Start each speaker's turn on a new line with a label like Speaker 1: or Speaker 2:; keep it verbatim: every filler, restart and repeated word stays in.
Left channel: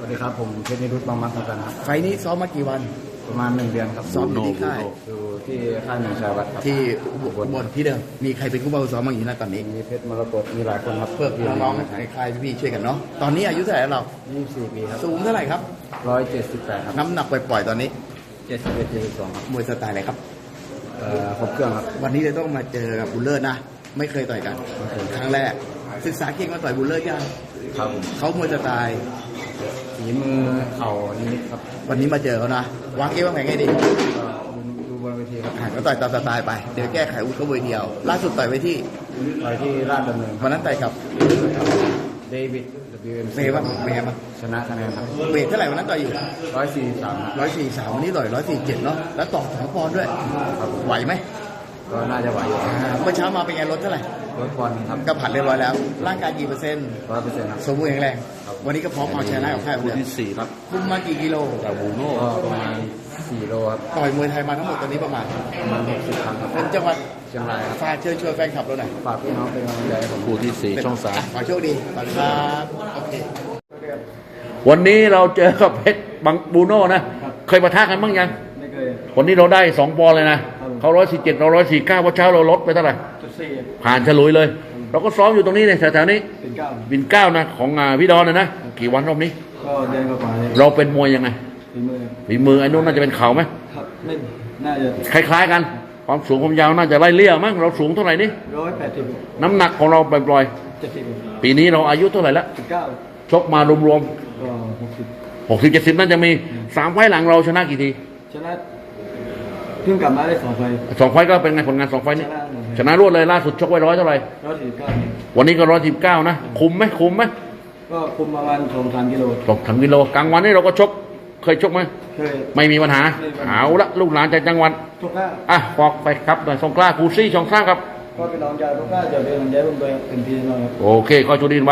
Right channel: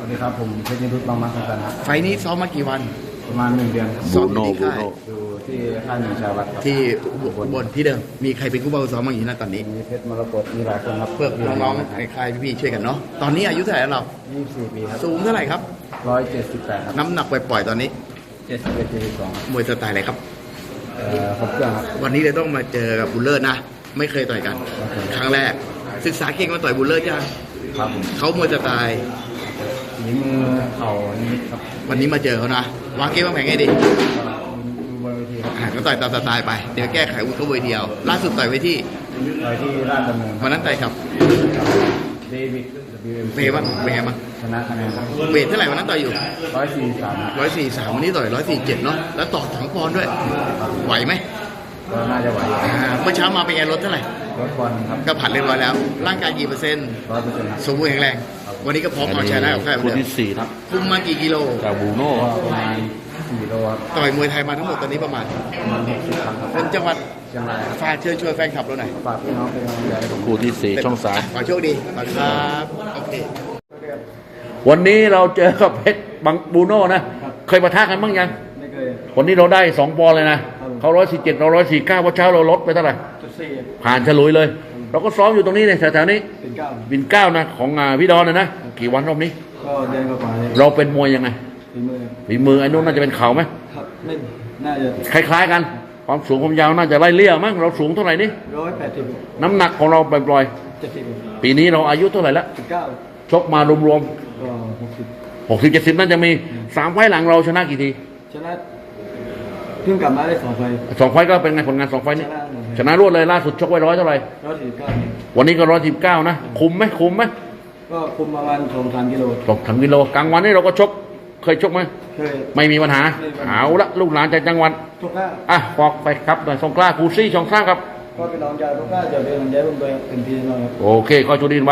Speaker 1: สดีครับผมเพชรนิรุตบางมัดสำคัญครับ
Speaker 2: ไฟล์นี้ซ้อมมากี่วัน
Speaker 1: ประมาณหนึ่งเดือนครับ
Speaker 2: ซ้อมอยู่ที่ค่าย
Speaker 1: อยู่ที่ค่ายหนึ่งชายวัดครับ
Speaker 2: ที่บนบนที่เดิมมีใครเป็นผู้บังคับซ้อมบ้างอยู่นะตอนนี้
Speaker 1: มีเพชรมรกตมีหลายคนครับ
Speaker 2: เพื่อน้องๆในค่ายพี่ๆช่วยกันเนาะตอนนี้อายุเท่าไหร่แล้วเรา
Speaker 1: ยี่สิบสี่ปีครับ
Speaker 2: สูงเท่าไหร่ครับ
Speaker 1: ร้อยเจ็ดสิบแปดครับ
Speaker 2: น้ำหนักปล่อยๆตอนนี้
Speaker 1: เจ็ดสิบเอ็ดจุดสองครับ
Speaker 2: มวยสไตล์อะไรครับ
Speaker 1: เอ่อครบเครื่องครับ
Speaker 2: วันนี้เลยต้องมาเจอกับบุลเลอร์นะ ไม่เคยต่อยกัน
Speaker 1: ไม่เคย
Speaker 2: ครั้งแรก ศึกษาเก่งมาต่อยบุลเลอร์ยัง
Speaker 1: ครับผม
Speaker 2: เขามวยสไตล์
Speaker 1: ฝีมือเข่านิดครับ
Speaker 2: วันนี้มาเจอเขานะวางเกมวางแผนไงดี
Speaker 1: ก็ดูบนเวทีครับ
Speaker 2: อ่าก็ต่อยตามสไตล์ไปเดี๋ยวแก้ไขอาวุธเขาเวทีเดียวล่าสุดต่อยไว้ที่
Speaker 1: ต่อยที่ราชดำเนินค
Speaker 2: วั
Speaker 1: รับ
Speaker 2: นนั้นต่อยกับ
Speaker 1: กับเดวิด ดับเบิลยู เอ็ม
Speaker 2: เฟย์บ้างเป็นไงบ้าง
Speaker 1: ชนะคะแนนครับ
Speaker 2: เวทเท่าไหร่วันนั้นต่อยอยู่
Speaker 1: ร้อยสี่สามครับ
Speaker 2: ร้อยสี่สามวันนี้ต่อยร้อยสี่เจ็ดเนาะแล้วต่อสองปอนด์ด้วยไหวไหม
Speaker 1: ก็น่าจะไหวอยู่
Speaker 2: อ่าเมื่อเช้ามาเป็นไงลดเท่าไหร่
Speaker 1: รถบอลครับ
Speaker 2: ก็ผัดเรียบร้อยแล้ว ร่างกายกี่เปอร์เซ็นต์
Speaker 1: ร้อยเปอร์เซ็นต์ครับ
Speaker 2: สมบูรณ์แข็งแรง วันนี้ก็พร้อมเอาชนะกับค่ายเหมือนเดิม
Speaker 3: ที่สี่
Speaker 1: ครับ
Speaker 2: คุมมากี่กิโล
Speaker 3: กับบูโน่
Speaker 1: ก็ประมาณสี่โลครับ
Speaker 2: ต่อยมวยไทยมาทั้งหมดตอนนี้ประมาณ
Speaker 1: ประมาณหกสิบครั้งครับ
Speaker 2: เป็นจังหวัด
Speaker 1: เชียงรายครับ
Speaker 2: ฝากเชิญชวนแฟนคลับเราหน่อย
Speaker 1: ฝากพี่น้องเป็นกำลังใจให้ผม
Speaker 3: คู่ที่สี่ช่องสาม
Speaker 2: ขอโชคดีขอบคุณครับโอเค
Speaker 3: วันนี้เราเจอกับเพชรบังบูโน่นะ เคยปะทะกันบ้างยัง
Speaker 1: ไม่เคย
Speaker 3: วันนี้เราได้สองปอนด์เลยนะ เขาร้อยสี่เจ็ดเราร้อยสี่เก้าวันเช้าเราลดไปเท่าไหร่
Speaker 1: จุดสี่
Speaker 3: ผ่านฉลุยเลย เราก็ซ้อมอยู่ตรงนี้เนี่ยแถวๆนี้
Speaker 1: เป็นเก้า
Speaker 3: วินเก้านะของอ่าพี่ดอนนะนะ กี่วันรอบนี้
Speaker 1: ก็เดินกว่าเลย
Speaker 3: เราเป็นมวยยังไง
Speaker 1: ฝีมือ
Speaker 3: ฝีมือไอ้นู้นน่าจะเป็นเข่าไหม
Speaker 1: ครับไม่น่าจะ
Speaker 3: คล้ายๆกัน ความสูงความยาวน่าจะไล่เลี่ยมั้ง เราสูงเท่าไหร่นี่
Speaker 1: ร้อยแปดสิบ
Speaker 3: น้ำหนักของเราปล่อย
Speaker 1: เจ็ดสิบ
Speaker 3: ๆปีนี้เราอายุเท่าไหร่ละ
Speaker 1: สิบเก้า
Speaker 3: ชกมารวม
Speaker 1: ก็หกสิบ
Speaker 3: ๆหกสิบเจ็ดสิบน่าจะมีสามไฟล์หลังเราชนะกี่ที
Speaker 1: ชนะเพิ่งกลับมาได้สองไฟ
Speaker 3: สองไฟล์ก็เป็นไงผลงานสองไฟล์นี้
Speaker 1: ชนะหมดเลย
Speaker 3: ชนะรวดเลยล่าสุดชกไว้ร้อยเท่าไหร่
Speaker 1: ร้อยสี่สิบเก้า
Speaker 3: วันนี้ก็ร้อยสิบเก้านะ คุมไหมคุมไหม
Speaker 1: ก็คุมประมาณสองสามกิโล
Speaker 3: ตกถึงกิโลกลางวันนี่เราก็ชก เคยชกไหม
Speaker 1: เคย
Speaker 3: ไม่มีปัญหา
Speaker 1: ไม่มีปัญหา
Speaker 3: เอาละลูกหลานจากจังหวัด
Speaker 1: ทุกหน้า
Speaker 3: อ่ะบอกไปครับหน่อยสงกล้าครูซี่ช่องสร้างครับ
Speaker 1: ก็เป็นน้องชายทุกหน้าจะเป็นกำลังใจผมด้วยเป็นพี่น้องครับ
Speaker 3: โอเคขอจุดิน